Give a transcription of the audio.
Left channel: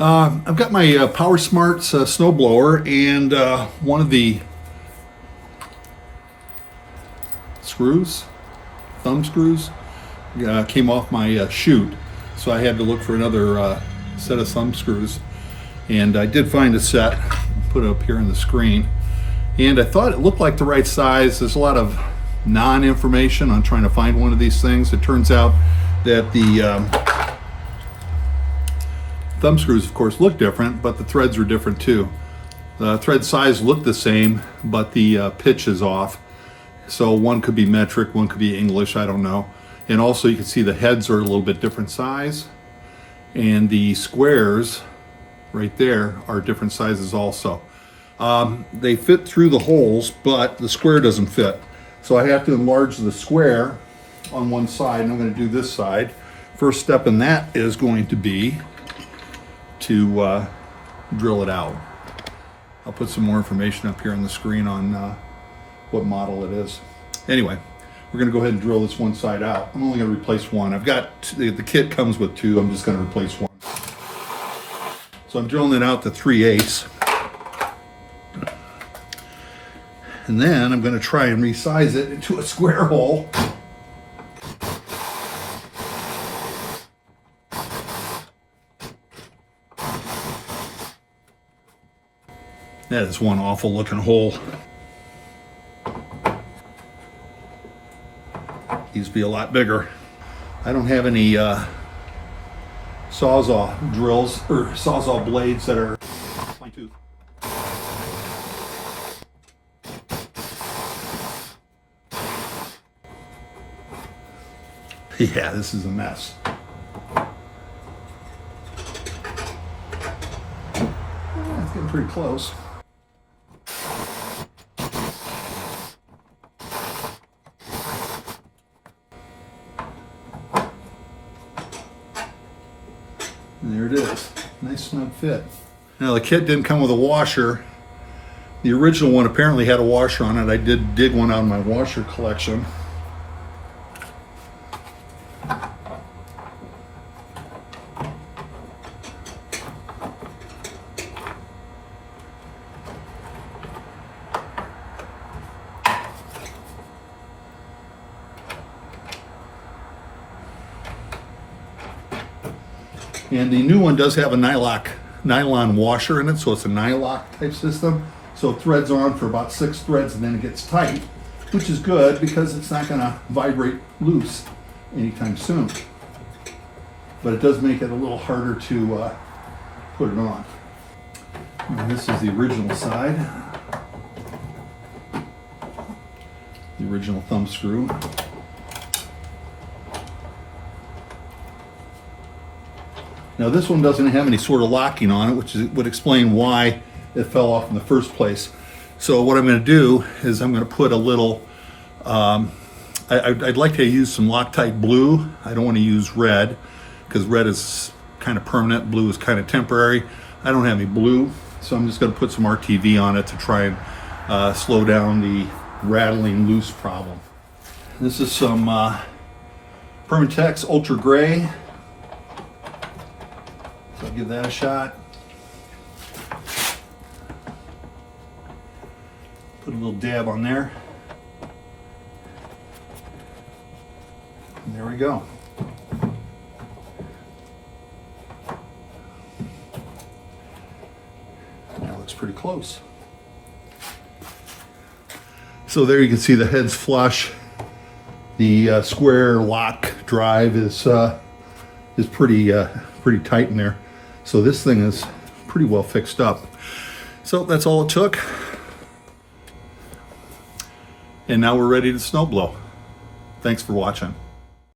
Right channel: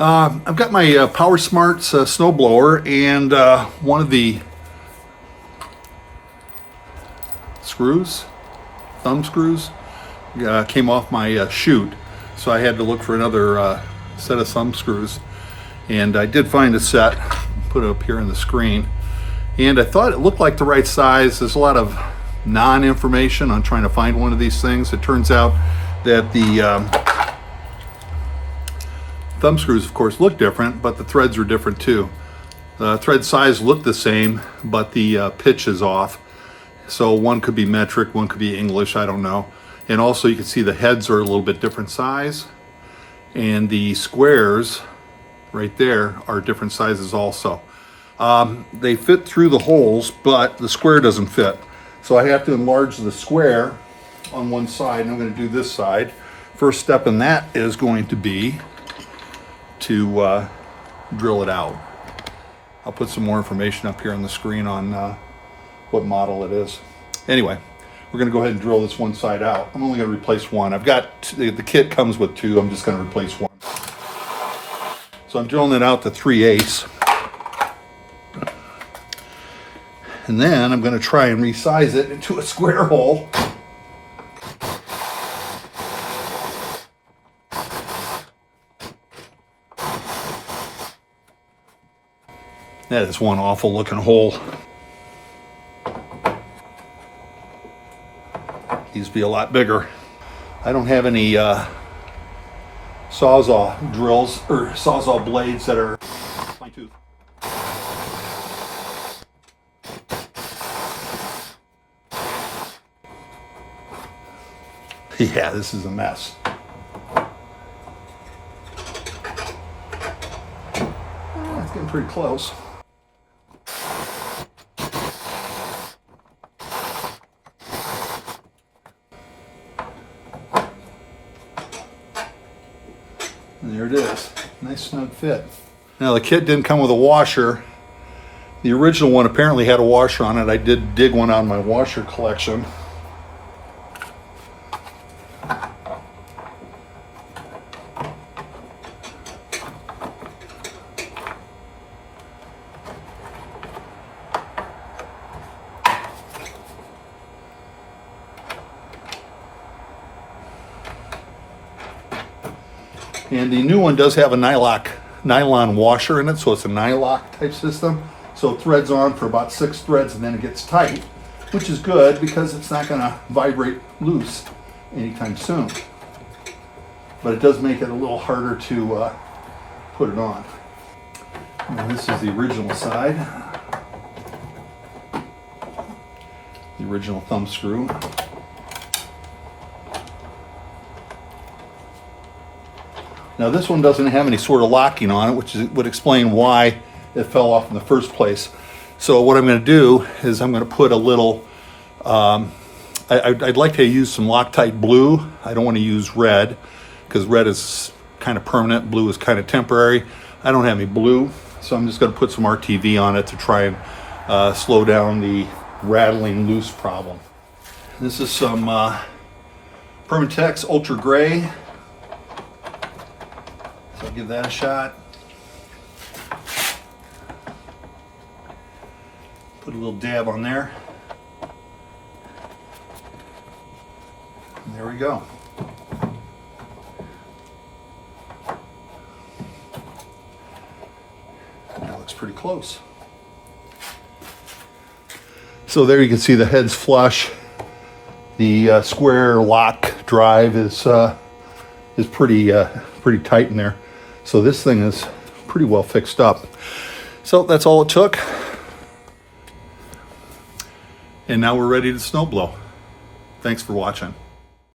I've got my Powersmart's snowblower, and one of the thumb screws, came off my chute, so I had to look for another set of thumb screws. And I did find a set, put it up here on the screen, and I thought it looked like the right size. There's a lot of non-information on trying to find one of these things. It turns out that the thumb screws, of course, look different, but the threads are different too. The thread size look the same, but the pitch is off. So one could be metric, one could be English, I don't know. And also you can see the heads are a little bit different size, and the squares right there are different sizes also. They fit through the holes, but the square doesn't fit. So I have to enlarge the square on one side, and I'm going to do this side. First step in that is going to be to drill it out. I'll put some more information up here on the screen on what model it is. Anyway, we're going to go ahead and drill this one side out. I'm only going to replace one. I've got, the kit comes with two, I'm just going to replace one. So I'm drilling it out to 3/8. And then I'm going to try and resize it into a square hole. That is one awful looking hole. Needs to be a lot bigger. I don't have any sawzall drills or sawzall blades that are fine tooth. Yeah, this is a mess. Oh, it's getting pretty close. And there it is. Nice snug fit. Now the kit didn't come with a washer. The original one apparently had a washer on it. I did dig one out of my washer collection. And the new one does have a nylon washer in it, so it's a nylock type system. So it threads on for about 6 threads and then it gets tight, which is good because it's not going to vibrate loose anytime soon. But it does make it a little harder to put it on. And this is the original side. The original thumb screw. Now this one doesn't have any sort of locking on it, which would explain why it fell off in the first place. So what I'm going to do is I'm going to put a little, I'd like to use some Loctite blue. I don't want to use red because red is kind of permanent, blue is kind of temporary. I don't have any blue, so I'm just going to put some RTV on it to try and slow down the rattling loose problem. This is some Permatex Ultra Gray. So I'll give that a shot. Put a little dab on there. And there we go. That looks pretty close. So there you can see the head's flush. The square lock drive is pretty tight in there. So this thing is pretty well fixed up. So that's all it took. And now we're ready to snow blow. Thanks for watching.